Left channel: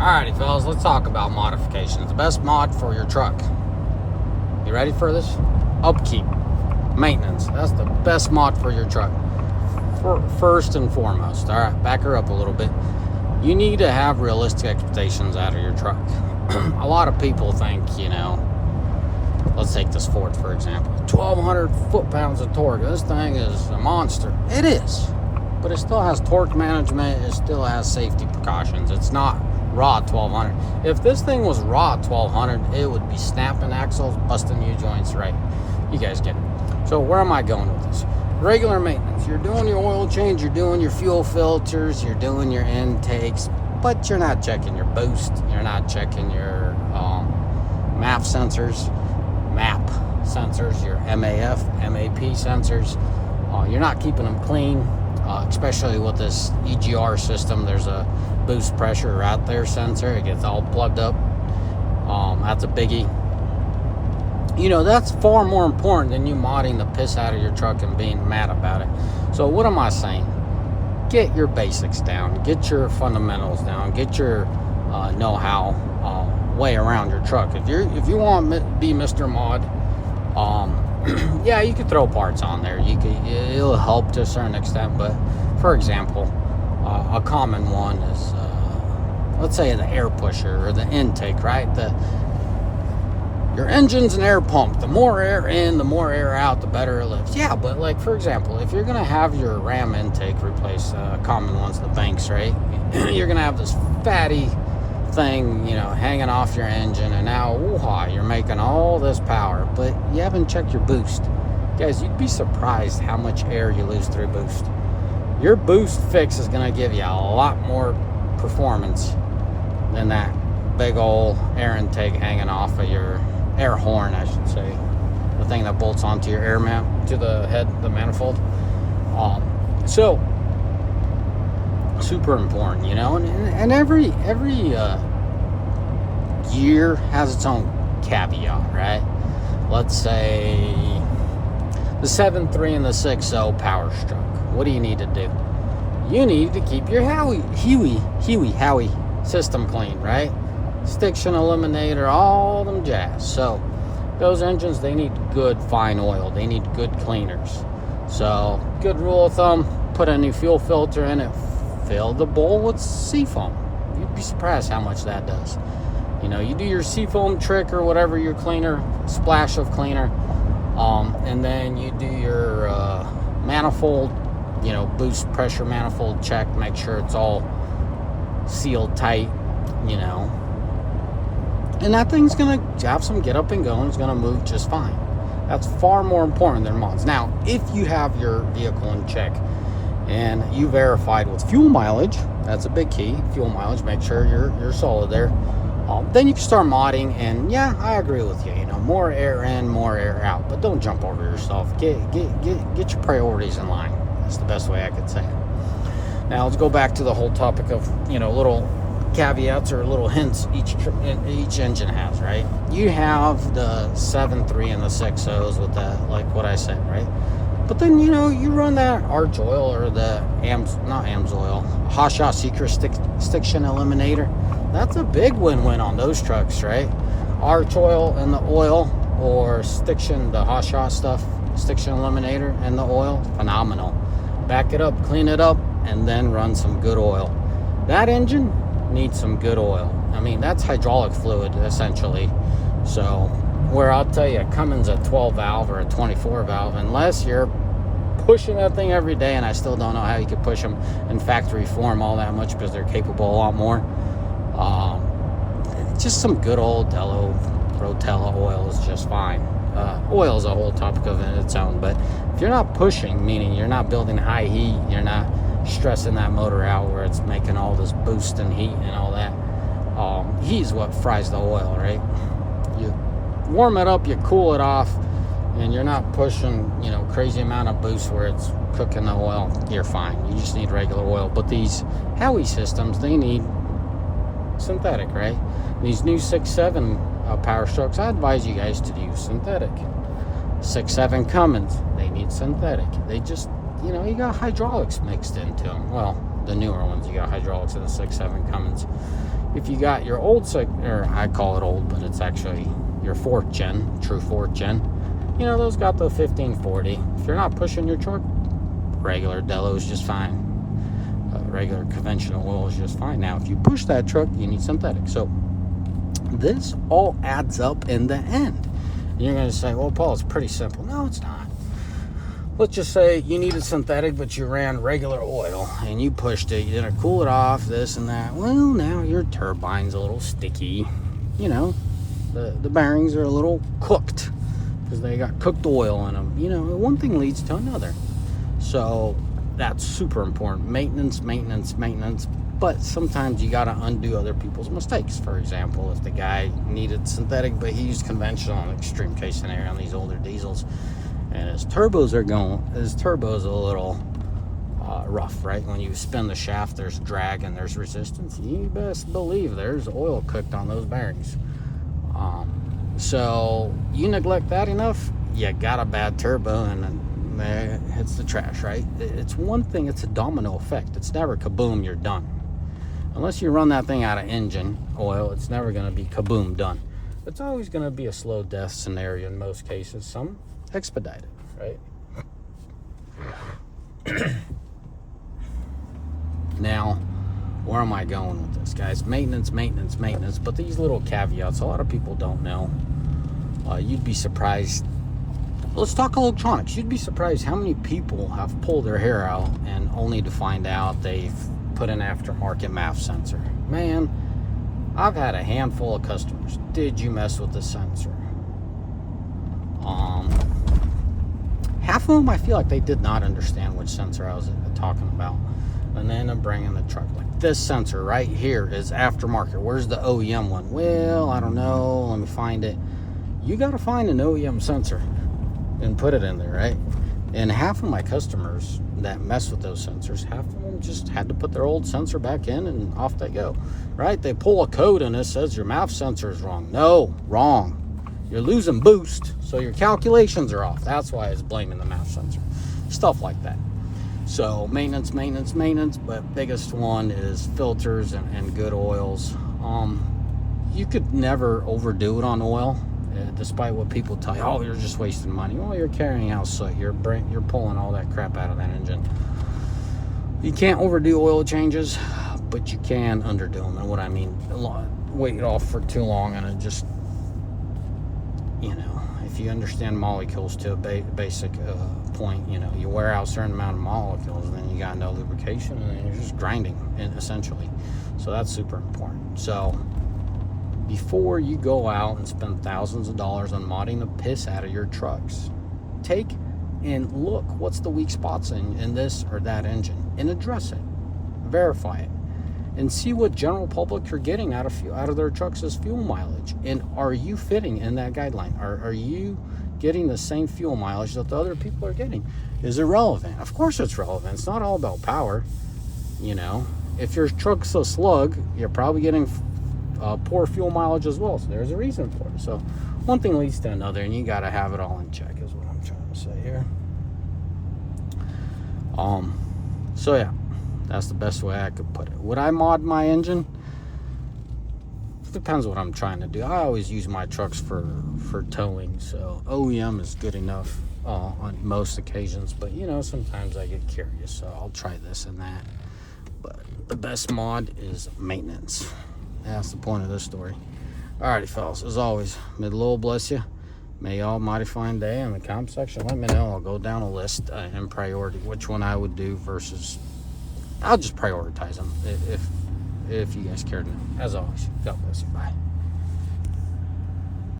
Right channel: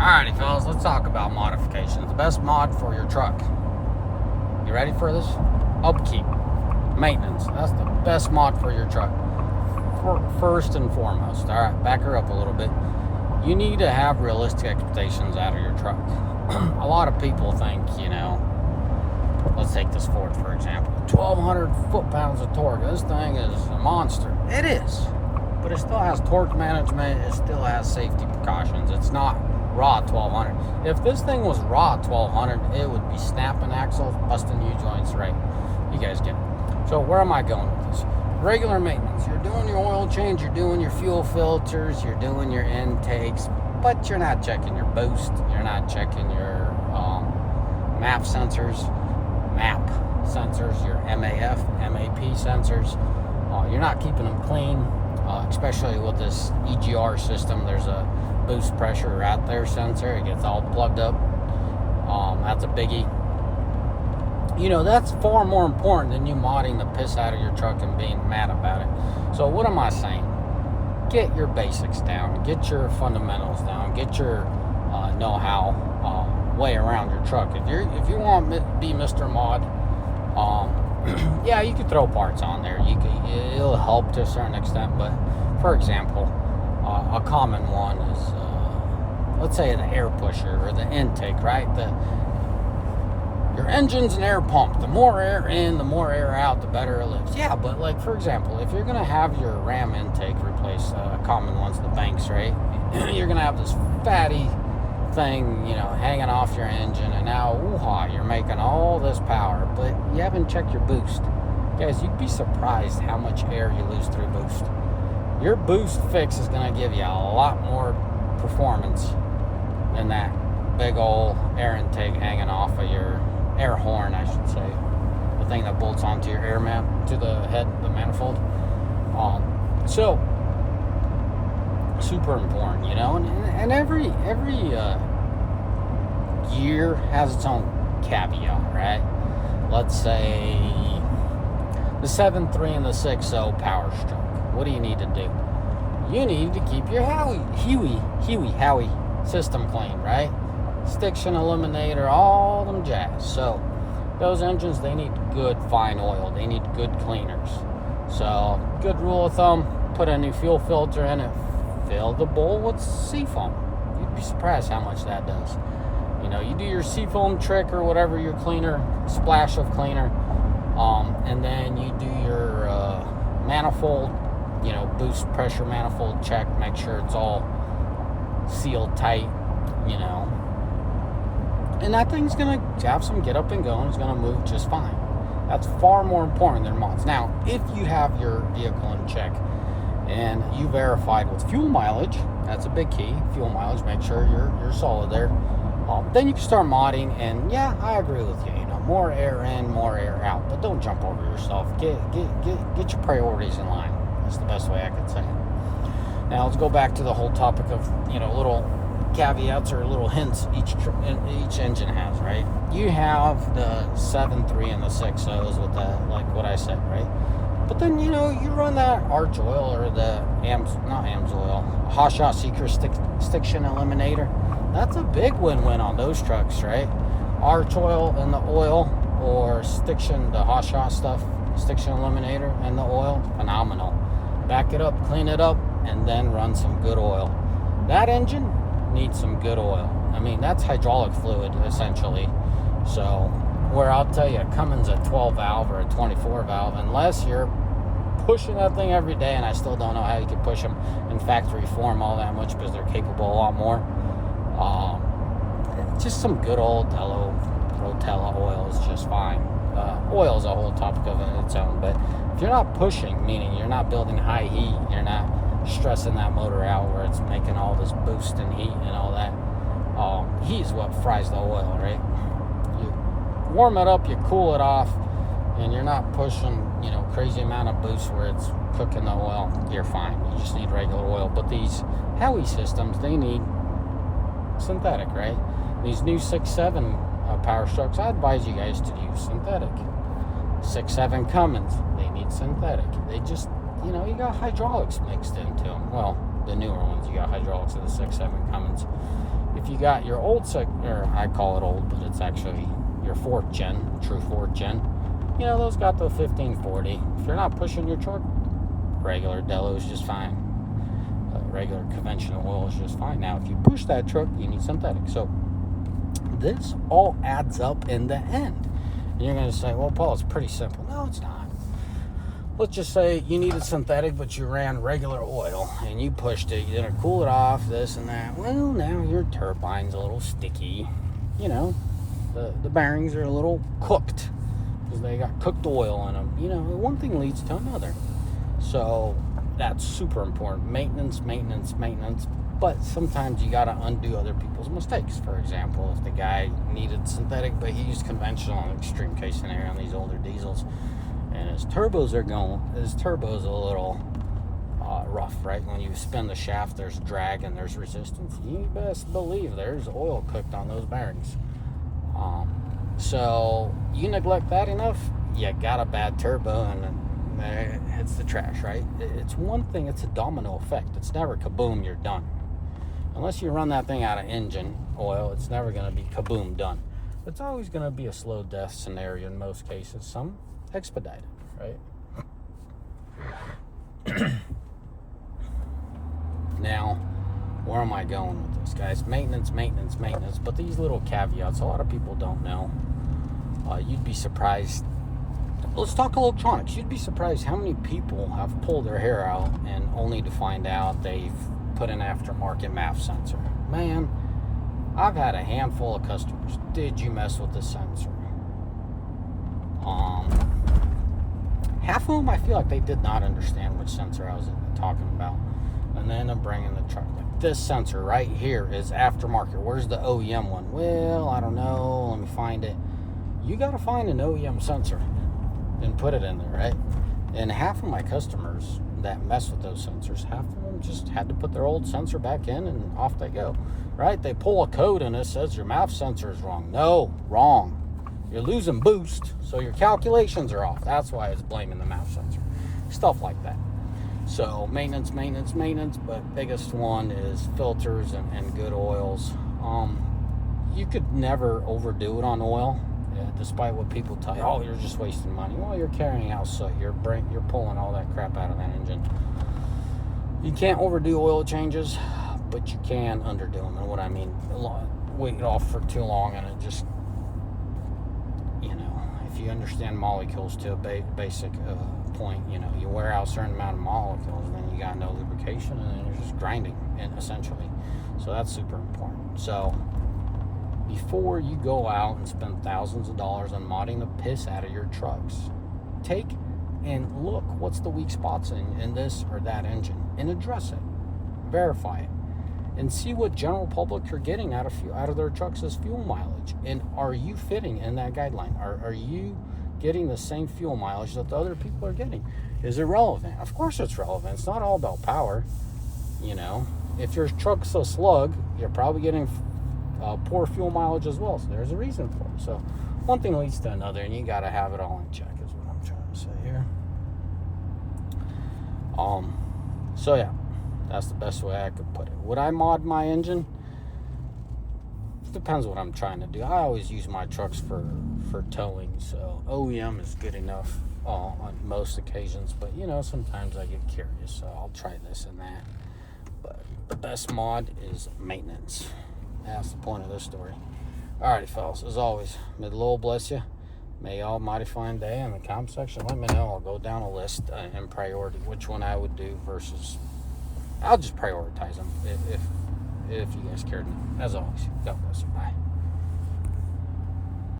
Alrighty, fellas, let's talk about modifications. The best mod for your truck. You ready for this? Upkeep. Maintenance. That's the best mod for your truck. First and foremost. Alright, back her up a little bit. You need to have realistic expectations out of your truck. A lot of people think, let's take this Ford for example. 1,200 foot-pounds of torque. This thing is a monster. It is. But it still has torque management. It still has safety precautions. It's not raw 1,200. If this thing was raw 1,200, it would be snapping axles, busting U-joints, right? You guys get it. So where am I going with this? Regular maintenance. You're doing your oil change, you're doing your fuel filters, you're doing your intakes, but you're not checking your boost. You're not checking your MAP sensors, your MAP sensors. You're not keeping them clean, especially with this EGR system. There's a boost pressure right there sensor. It gets all plugged up. That's a biggie. That's far more important than you modding the piss out of your truck and being mad about it. So what am I saying? Get your basics down. Get your fundamentals down. Get your know-how way around your truck. If you want to be Mr. Mod, yeah, you could throw parts on there. It'll help to a certain extent. But for example, a common one is let's say the air pusher or the intake, right? Your engine's an air pump. The more air in, the more air out, the better it looks. Yeah, but like for example, if you're gonna have your Ram intake replace common ones, the banks, right? You're gonna have this fatty thing, hanging off your engine, and now you're making all this power, but you haven't checked your boost. Guys, you'd be surprised how much air you lose through boost. Your boost fix is gonna give you a lot more performance than that big old air intake hanging off of your air horn, I should say. The thing that bolts onto your air map, to the head, the manifold. So, super important, and every year has its own caveat, right? Let's say the 7.3 and the 6.0 Power Stroke. What do you need to do? You need to keep your Howie system clean, right? Stiction eliminator, all them jazz. So those engines, they need good fine oil. They need good cleaners. So good rule of thumb, put a new fuel filter in it, fill the bowl with seafoam. You'd be surprised how much that does. You do your seafoam trick or whatever, your cleaner, splash of cleaner, and then you do your manifold, boost pressure manifold check, make sure it's all sealed tight, and that thing's gonna have some get up and go, and it's gonna move just fine. That's far more important than mods. Now, if you have your vehicle in check and you verified with fuel mileage, that's a big key. Fuel mileage, make sure you're solid there. Then you can start modding, and yeah, I agree with you. More air in, more air out, but don't jump over yourself. Get your priorities in line. That's the best way I could say it. Now let's go back to the whole topic of little caveats or little hints each engine has, right? You have the 7.3 and the 6.0s with that, like what I said, right? But then you run that Arch oil or the AMS oil, Hasha Secret Stiction Eliminator. That's a big win-win on those trucks, right? Arch oil and the oil, or Stiction, the Hasha stuff, Stiction Eliminator and the oil, phenomenal. Back it up, clean it up, and then run some good oil. That engine needs some good oil. I mean, that's hydraulic fluid, essentially. So, where I'll tell you, Cummins a 12 valve or a 24 valve, unless you're pushing that thing every day, and I still don't know how you could push them in factory form all that much, because they're capable a lot more. Just some good old Rotella oil is just fine. Oil is a whole topic of its own, but if you're not pushing, meaning you're not building high heat, you're not stressing that motor out where it's making all this boost and heat and all that, heat is what fries the oil, right? You warm it up, you cool it off, and you're not pushing, crazy amount of boost where it's cooking the oil, you're fine. You just need regular oil. But these Howie systems, they need synthetic, right? These new 6.7 Power Strokes, I advise you guys to use synthetic. 6.7 Cummins, they need synthetic. They just, you got hydraulics mixed into them. Well, the newer ones, you got hydraulics in the 6.7 Cummins. if you got your old or I call it old, but it's actually your 4th gen, true 4th gen, you know, those got the 1540. If you're not pushing your truck, regular Delo is just fine. Regular conventional oil is just fine. Now, if you push that truck, you need synthetic. So this all adds up in the end. And you're going to say, well, Paul, it's pretty simple. No, it's not. Let's just say you needed synthetic, but you ran regular oil and you pushed it. You didn't cool it off, this and that. Well, now your turbine's a little sticky. You know, the bearings are a little cooked because they got cooked oil in them. You know, one thing leads to another. So that's super important. Maintenance. But sometimes you got to undo other people's mistakes. For example, if the guy needed synthetic, but he used conventional, extreme case scenario, these older diesels, and his turbos a little rough, right? When you spin the shaft, there's drag and there's resistance. You best believe there's oil cooked on those bearings. So you neglect that enough, you got a bad turbo, and it hits the trash, right? It's one thing, it's a domino effect. It's never kaboom, you're done. Unless you run that thing out of engine oil, it's never going to be kaboom, done. It's always going to be a slow death scenario in most cases. Some expedited, right? Now, where am I going with this, guys? Maintenance. But these little caveats, a lot of people don't know. You'd be surprised. Let's talk electronics. You'd be surprised how many people have pulled their hair out and only to find out they've put an aftermarket MAF sensor. Man, I've had a handful of customers. Did you mess with the sensor? Half of them, I feel like they did not understand which sensor I was talking about. And then I'm bringing the truck. Like, this sensor right here is aftermarket. Where's the OEM one? Well, I don't know. Let me find it. You got to find an OEM sensor and put it in there, right? And half of my customers that mess with those sensors, half of them just had to put their old sensor back in and off they go, right? They pull a code and it says your MAF sensor is wrong. No, wrong. You're losing boost, so your calculations are off. That's why it's blaming the MAF sensor. Stuff like that. So maintenance, but biggest one is filters and good oils. You could never overdo it on oil, despite what people tell you. Oh, you're just wasting money. Well, you're carrying out soot. You're pulling all that crap out of that engine. You can't overdo oil changes, but you can underdo them. And what I mean, wait it off for too long, and it just, you know, if you understand molecules to a basic point, you know, you wear out a certain amount of molecules, then you got no lubrication, and then you're just grinding, essentially. So that's super important. So before you go out and spend thousands of dollars on modding the piss out of your trucks, take and look what's the weak spots in this or that engine and address it, verify it, and see what general public are getting out of their trucks as fuel mileage. And are you fitting in that guideline? Are you getting the same fuel mileage that the other people are getting? Is it relevant? Of course it's relevant. It's not all about power. You know, if your truck's a slug, you're probably getting poor fuel mileage as well. So there's a reason for it. So one thing leads to another, and you got to have it all in check, is what I'm trying to say here. So yeah, that's the best way I could put it. Would I mod my engine? It depends what I'm trying to do. I always use my trucks for towing, so OEM is good enough on most occasions. But you know, sometimes I get curious, so I'll try this and that. But the best mod is maintenance. That's the point of this story. Alrighty, fellas, as always, may the Lord bless you. May y'all mighty fine day. In the comment section, let me know. I'll go down a list in priority, which one I would do versus. I'll just prioritize them if you guys care to know. As always, God bless you. Bye.